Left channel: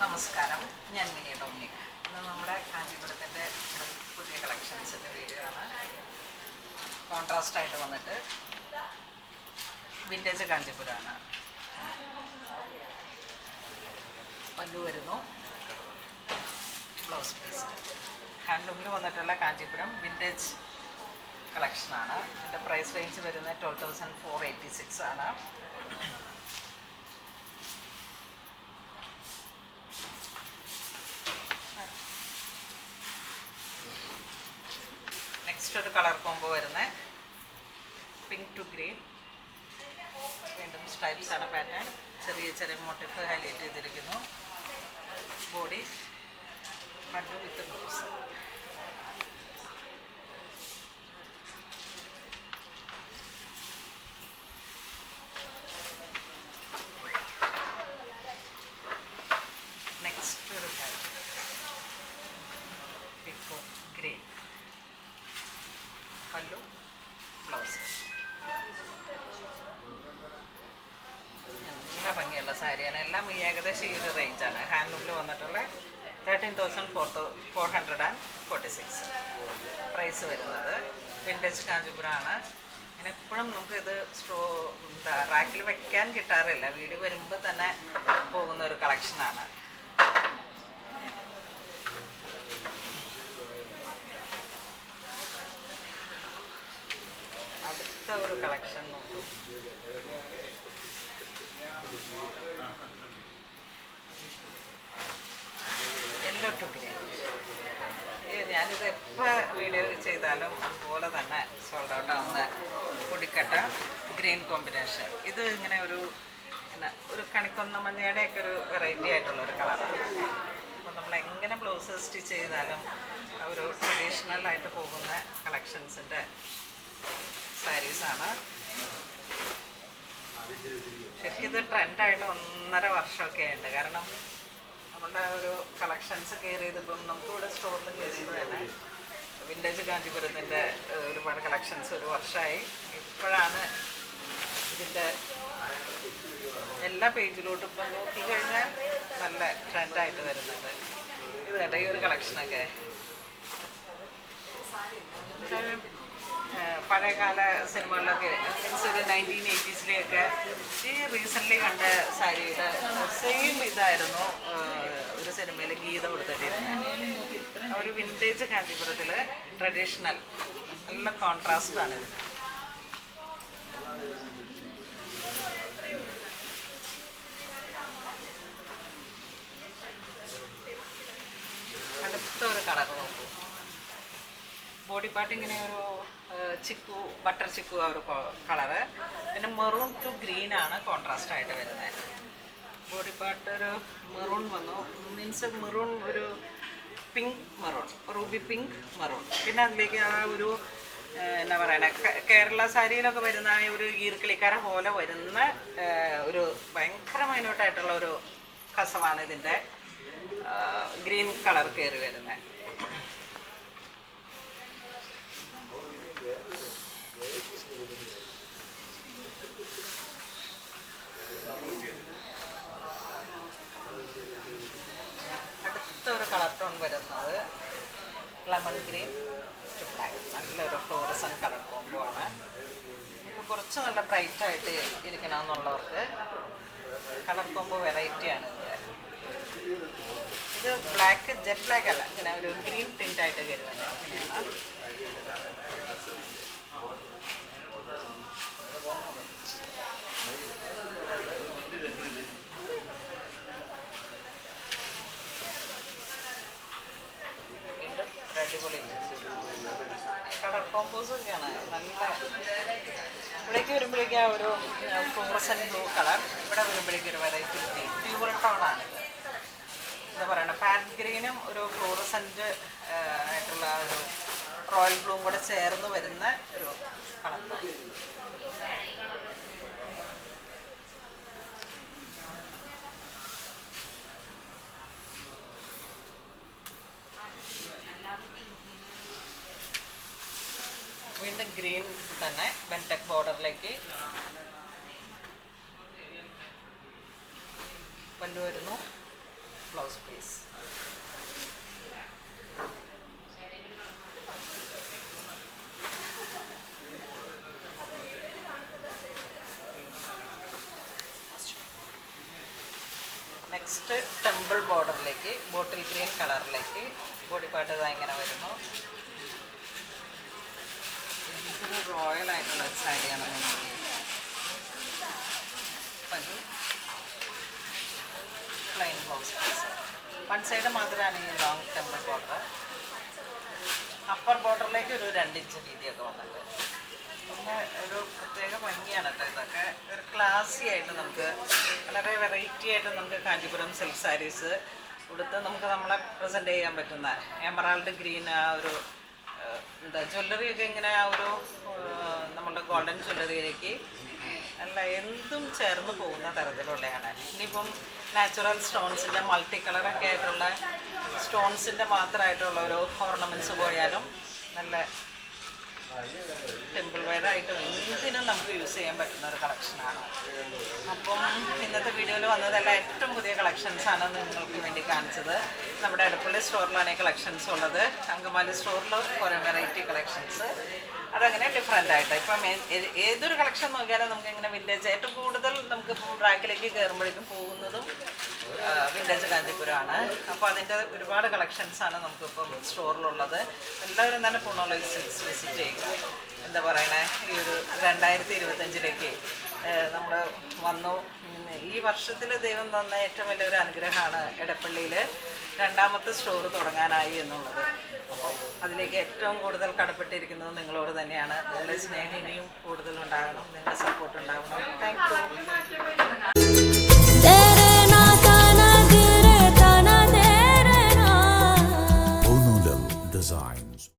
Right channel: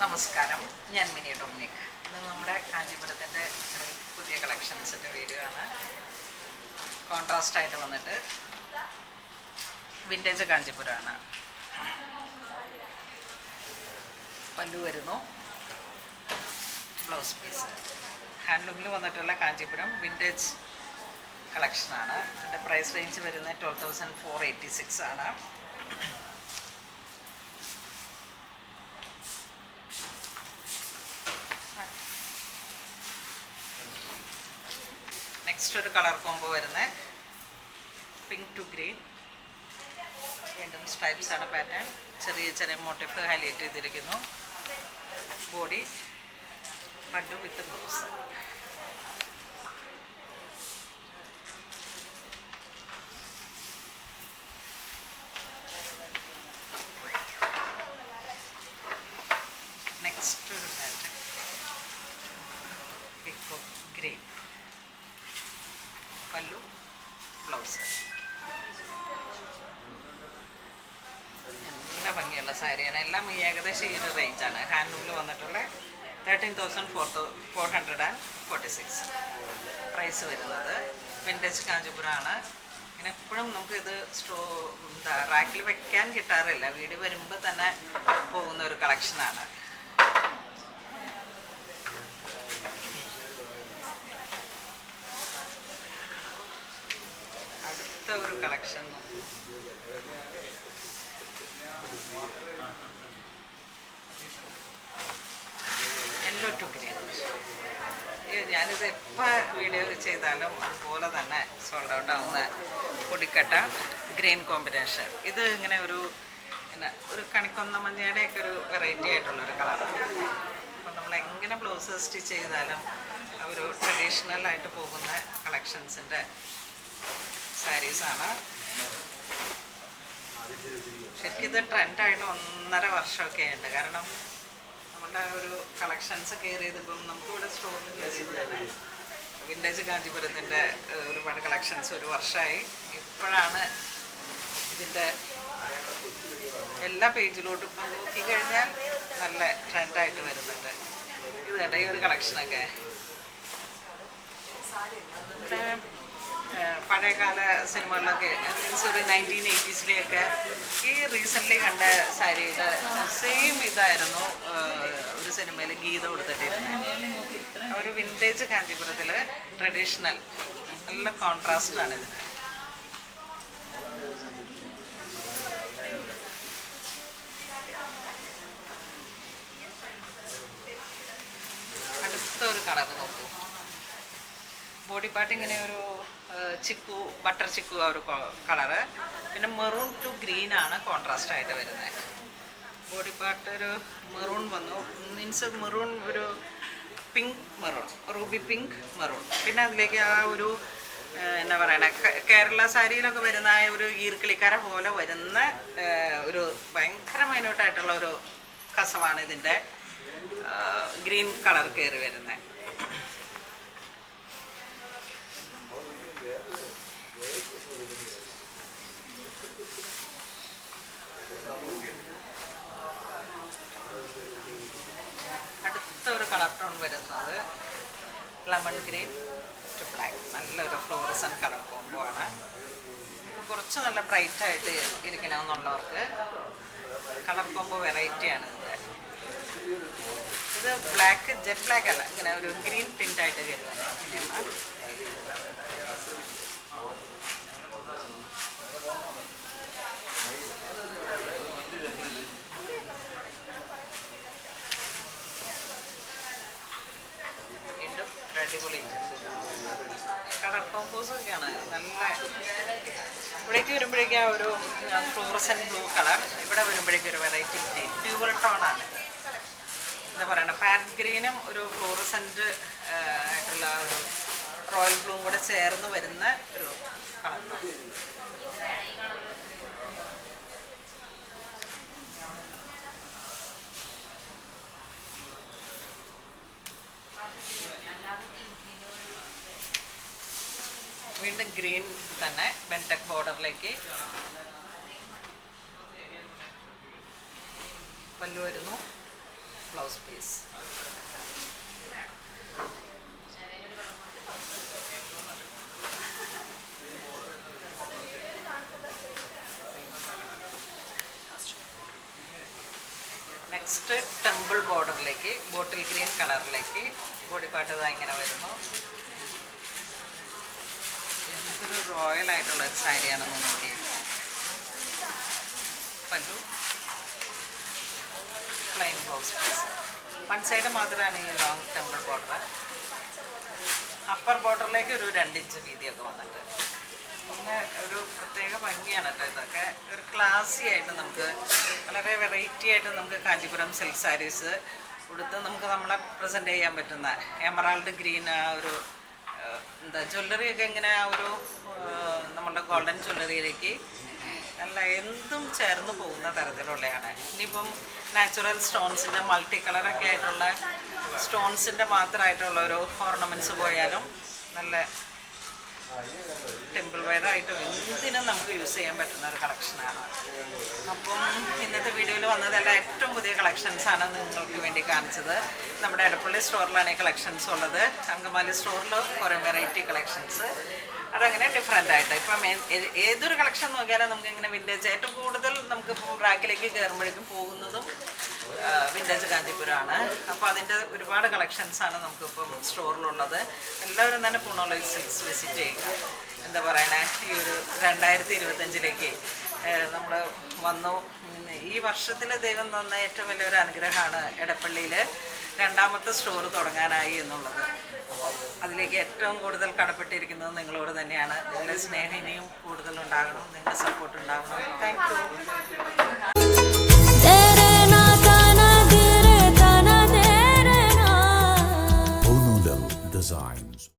നമസ്കാരം, ഞാൻ mini Dominic. ഇന്ന് നമ്മുടെ കാഞ്ചീപുരത്തിൻ്റെ പുതിയ കളക്ഷൻസിൻ്റെ വീഡിയോ ആണ്. കോൺട്രാസ്റ്റായിട്ട് വന്നിട്ട് വിൻറ്റേജ് കാഞ്ചീപുരമാണ്. പല്ലു വരുന്നു, ബ്ലൗസ് പീസ്. ഹാൻഡ്ലൂമിൽ വന്നിട്ടുള്ള കാഞ്ചീപുരം വിൻറ്റേജ് കളക്ഷനാണ്. ഇതിൻ്റെ പ്രൈസ് റേഞ്ച് വരുന്നത് 12,486 ആണ്. നെക്സ്റ്റ് ഒരു കളർ കോംബോ വരുന്നത് പിങ്ക് ടു ഗ്രീൻ. വീണ്ടും സ്ട്രൈപ്സ് ആണ് പാറ്റേൺ. ചെറിയ ചെറിയ മോട്ടീഫ് ഹൈലൈറ്റ് ചെയ്തിരിക്കുന്നു. ബോഡി പല്ലു വിത്ത് ബ്ലൗസ്. നെക്സ്റ്റ് ഒരു പാറ്റേൺ ഇപ്പോൾ ഗ്രീൻ. പല്ലു ബ്ലൗസ്. നല്ല ഭംഗിയുള്ള സാരിയാണ്. എല്ലാം ഏകദേശം ഈ ഒരു റേഞ്ചാണ്. ഹാൻഡ്ലൂമിൽ വന്നിട്ടുള്ള 13,446 പ്രൈസ് വരുന്നത്. വിൻറ്റേജ് കാഞ്ചീപുരമാണ്. ഇങ്ങനെ എപ്പോഴും നമുക്കിത് റാക്കിൽ വയ്ക്കാൻ കിട്ടാറില്ല. വീട് വരുമ്പോൾ തന്നെ പോകുന്ന ഒരു കളക്ഷനാണ്. ഒരു കളക്ഷൻ യെല്ലോ ടു ഗ്രീൻ. ഞാനിത് എപ്പോൾ വീഡിയോ ചെയ്താലും അതുപോലെ തന്നെ സോൾഡ് ഔട്ട് ആവുന്ന പൊടിക്കട്ട ഗ്രീൻ കോമ്പിനേഷൻ. ഇത് ഇങ്ങനെ ഒരു കണിക്കൊന്ന മഞ്ഞയുടെയൊക്കെ ഒരു വെറൈറ്റി ആയിട്ടുള്ളൊരു കളറാണ്. അപ്പോൾ നമ്മൾ എങ്ങനെ ബ്ലൗസ് സ്റ്റിച്ച് ചെയ്താലും ഒരു ട്രഡീഷണലായിട്ട് പോകുന്ന കളക്ഷൻസിൻ്റെ സാരീസാണ്. ശരിക്കും ഇത് ട്രെൻഡായിട്ട് 1.5 വർഷമൊക്കെ ഉണ്ട്. കാരണം നമ്മുടെ ഒരു കളക്ഷൻസ് കെയർ ചെയ്തപ്പം നമുക്കിവിടെ സ്റ്റോറിൽ കയറിയതാണ്. വിൻറ്റേജ് കാഞ്ചീപുരത്തിൻ്റെ ഒരുപാട് കളക്ഷൻസ് ഒരു വർഷമായി. ഇപ്പോഴാണ് ഇതിൻ്റെ എല്ലാ പേജിലോട്ടും ഇപ്പം നോക്കിക്കഴിഞ്ഞാൽ നല്ല ട്രെൻഡായിട്ട് വരുന്നുണ്ട്. ഇത് കേട്ടോ ഈ ഒരു കളക്ഷനൊക്കെ പഴയകാല സിനിമകളിലൊക്കെ ഒരു 1980s ഈ റീസെൻ്റ്ലി കണ്ട സാരിയുടെ സെയിം ഇതായിരുന്നു ഒരു സിനിമയിൽ ഗീതം കൊടുത്തിട്ടിരുന്നത്. ഒരു വിൻറ്റേജ് കാഞ്ചീപുരത്തിൽ ട്രഡീഷണൽ നല്ല കോൺട്രാസ്റ്റാണിത്. അടുത്ത ഒരു കളർ നോക്കൂ. ബോഡി പാർട്ട് ഇങ്ങനെ ഒരു ചിക്കു ബട്ടർ ചിക്കു ആ ഒരു കളറ്. പിന്നെ മെറൂൺ ടു ഗ്രീൻ ആണ് കോൺട്രാസ്റ്റ് ആയിട്ട് വരുന്നത്. ബോഡി പാർട്ട് ഒരു മെറൂൺ വന്നു, മീൻസ് മെറൂൺ ഒരു pink maroon, Ruby pink maroon. പിന്നെ അതിലേക്ക് ആ ഒരു എന്നാ പറയണ കേരള സാരിയിലൊക്കെ വരുന്ന ഒരു ഈർക്കിളിക്കര പോലെ വരുന്ന ഒരു ഭയങ്കര മൈന്യൂട്ടായിട്ടുള്ള ഒരു കസവാണ് ഇതിൻ്റെ ഗ്രീൻ കളർ കയറി വരുന്നത്. ഒരു കളർ ടോൺ വരുന്നത് ലെമൺ ഗ്രീൻ ടു ബ്ലാക്ക്. നല്ലൊരു ഫ്ലോറസൻ കളർ കോംബോ ആണ്. ഇപ്പോൾ കുറച്ച് നല്ല ബ്രൈറ്റ് ആയിട്ട് ഇരിക്കണമെന്നുള്ളവർക്ക് കളർ കോംബോ വെറൈറ്റിയാണ് ഇത്. ബ്ലാക്ക് ജെറ്റ് ബ്ലാക്ക് അല്ല, ഇങ്ങനെ ഒരു ഗ്രീൻ ടിൻ്റായിട്ട് കയറുന്നത് അങ്ങനെയാണ്. അടിപൊളി കളർ കോമ്പോസൊക്കെയാണ്. നല്ല ഇവിടേക്ക് വരുമ്പോഴേക്കും ആ ഒരു ഫ്ലോറസൻ ബ്ലൂ കളർ, ഇവിടെ വരുമ്പോഴേക്കും ഒരു വെറൈറ്റി ഡ്യൂവൽ ടോണാണ്. എന്താ പറയുക, പാരറ്റ് ഗ്രീനും ഒരു ഫ്ലോറസൻറ്റ് ആയിട്ടുള്ള ഒരു റോയൽ ബ്ലൂവും കൂടെ ചേർന്ന് വരുന്ന ഒരു കളർ ടോൺ. വീണ്ടും ഗ്രീൻ തന്നെ ബെൻടെക് ബോർഡറിലേക്ക് പല്ലു വരുന്നു. Blouse piece. നെക്സ്റ്റ് ടെമ്പിൾ ബോർഡറിലേക്ക് ബോട്ടിൽ ഗ്രീൻ കളറിലേക്ക് ബോഡി പാർട്ട് ഇതാ ഇങ്ങനെ വരുന്നു. എന്തൊരു റോയൽ ആയിട്ടുള്ള സാരിയാണെന്ന് നോക്കി. Pallu plain blouse piece. One side മാത്രമാണ് ഈ ലോങ് ടെമ്പിൾ ബോർഡർ. അപ്പർ ബോർഡറിലേക്ക് ഒരു 2 ഇഞ്ച് വീതിയൊക്കെ വന്നിട്ട് പിന്നെ ഒരു പ്രത്യേക ഭംഗിയാണ് കേട്ടോ. ഇതൊക്കെ ഒരു ക്ലാസി ആയിട്ട് നമുക്ക് വളരെ വെറൈറ്റി ആയിട്ട് നമുക്ക് കാഞ്ചീപുരം സിൽക്ക് സാരീസ് കൊടുത്ത് നമുക്ക് നമ്മളെ പ്രസൻറ്റ് ചെയ്യാൻ പറ്റുന്ന എമറാൾഡ് ഗ്രീൻ ആ ഒരു എന്താ ജ്വല്ലറിയൊക്കെ ഇങ്ങനെ ആ ഒരു നമ്മളുടെ ഗോൾഡൻ ജ്വല്ലറിയിലേക്ക് നല്ല എന്തും ചേർന്ന് പോകുന്ന തരത്തിലുള്ളതാണ്. ഇനിയിപ്പം നാച്ചുറൽ സ്റ്റോൺസിൻ്റെ മൾട്ടി കളറൊക്കെ ആയിട്ടുള്ള സ്റ്റോൺസിൻ്റെ മാത്രമായിട്ടുള്ള ഒരു ഓർണമെൻറ്റ്സ് പോയാലും നല്ല ടെമ്പിൾ വെയറായിട്ടും എന്തിനും നമുക്ക് യൂസ് ചെയ്യാൻ പറ്റുന്ന ഒരു കളക്ഷനാണ്. അപ്പം ഇന്നത്തെ വീഡിയോയിൽ വന്നതെല്ലാം ഏറ്റവും പുതിയ കളക്ഷൻസാണ് നിങ്ങൾക്ക് വേണ്ടി കാണിച്ചത്. നമ്മുടെ എടപ്പള്ളി സ്റ്റോറിലാണ് ഈ കളക്ഷൻസ് ഉള്ളത്. അങ്കമാലി സ്റ്റോറിൽ കുറേ വെറൈറ്റി കളക്ഷൻസ് അതങ്ങനെ ഡിഫറെൻ്റ് ആയിട്ട് ഇപ്പം ഏതൊരു കളക്ഷൻ നോക്കിയാലും നമുക്ക് ഇങ്ങനെ വിൻറ്റേജ് ഏറ്റവും കൂടുതൽ നമുക്കിപ്പോൾ റാക്കിലേക്ക് കയറുമ്പോഴേക്കും പോകുന്നതും വിൻറ്റേജ് കാഞ്ചീപുരമാണ്. അപ്പോൾ അതിൻ്റെ ഒരുപാട് കളക്ഷൻസാണ് നമുക്കിപ്പം സ്റ്റോറിലുള്ളത്. എല്ലാവരും തന്നെ പൂർണ്ണോളി സിൽക്സ് വിസിറ്റ് ചെയ്യുക. എന്താ പറയണേ, ഈ ഒരു 2025 നമ്മൾ വന്നു. ഈ വർഷത്തിൽ ദൈവം തന്ന ഏറ്റവും വലിയൊരു അനുഗ്രഹമാണ് എടപ്പള്ളിയിൽ 2ാമത്തെ സ്റ്റോർ തുടങ്ങാനായി എന്നുള്ളത്. അപ്പോൾ അതിലേക്ക് ഏറ്റവും കൂടുതൽ കടപ്പെട്ടിരിക്കുന്നത് നിങ്ങളോട് തന്നെയാണ്. നിങ്ങളുടെ സ്നേഹം ഇനിയും കൂടുതലുണ്ടാകണം, നിങ്ങളുടെ സപ്പോർട്ട് ഉണ്ടാകണം. Thank you. Designs.